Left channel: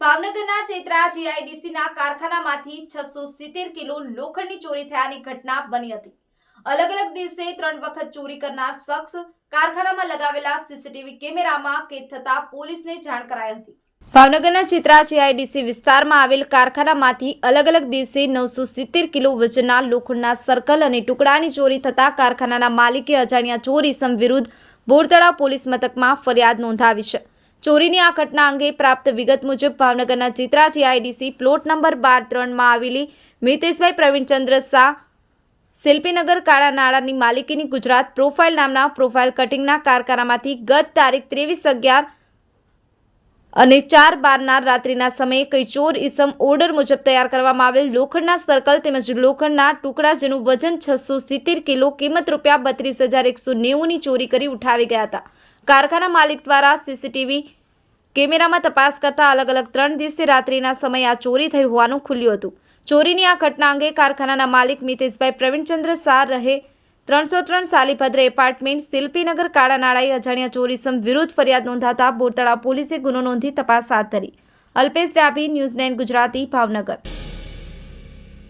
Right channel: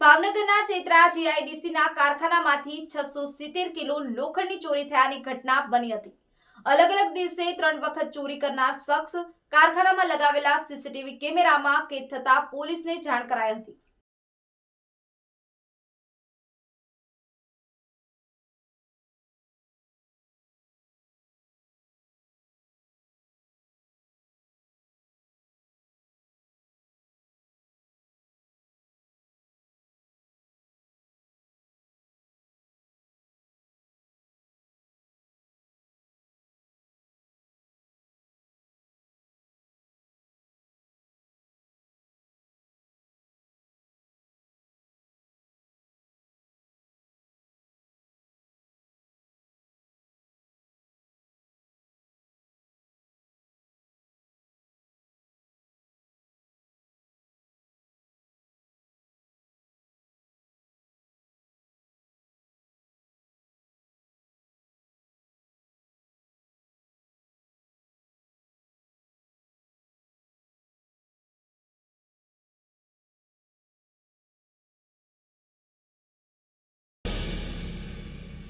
ભાવનગરના ચેત્રા જીઆઈડીસીના કારખાનામાંથી છસો સિત્તેર કિલો લોખંડની ચોરી થયાની ઘટના બની હતી. અલગ અલગ દિવસે ત્રણ વખત ચોરી કરનાર શખ્સ કારખાનામાં લગાવેલા સીસીટીવી કેમેરામાં કેદ થતા પોલીસને જાણ કરાઈ હતી. ભાવનગરના ચિત્રા જીઆઈડીસી વિસ્તારમાં આવેલ કારખાનામાંથી અલગ અલગ દિવસે નવસો સિત્તેર કિલો વજનના લોખંડના સર્કલ અને ટુકડાની ચોરી થતા કારખાનાના માલિકે અજાણ્યા ચોરી સમ વિરુદ્ધ બોરતળા પોલીસ મથકમાં ફરિયાદ નોંધાવી છે. ચોરીની આ ઘટના અંગે પ્રાપ્ત વિગત મુજબ ભાવનગરના ચિત્રા જીઆઈડીસી પ્લોટ નંબર બાર ત્રણમાં આવેલી મિતેશભાઈ પ્રવીણચંદ્ર શાહ શિલ્પીનગર કાળા નાળાની માલિકીની ગુજરાત પ્રોફાઇલ નામના પ્રોફાઇલ કટિંગના કારખાનામાંથી ગત તારીખ ત્રેવીસ અગિયાર અને ચાર બારના રાત્રિના સમયે કઈ ચોર ઇસમ ઓર્ડર મુજબ તૈયાર કરવામાં આવેલ લોખંડના સર્કલ તેમજ લોખંડના ટુકડા જેનું વજન છસો સિત્તેર કિલો કિંમત રૂપિયા બત્રીસ હજાર એકસો નેવુંની ચોરી કરી ઉઠાવી ગયા હતા. કારખાના માલિક દ્વારા સીસીટીવી કેમેરામાં તપાસ કરતા અલગ અલગ ત્રણ દિવસે રાત્રિના સમયે આ ચોરી થઈ હોવાનું ખુલ્યું હતું. ચોરીની આ ઘટના અંગે કારખાનાના માલિક મિતેશભાઈ પ્રવીણચંદ્ર શાહ રહે ત્રણસો ત્રણ સાલીભદ્ર એપાર્ટમેન્ટ શિલ્પીનગર કાળા નાળાએ અજાણ્યા ચોરીસમ વિરુદ્ધ ફરિયાદ નોંધાતા બોરતળા પોલીસે ગુનો નોંધી તપાસ હાથ ધરી. Alpesh Dabhi, news nine Gujarati, Bhavnagar.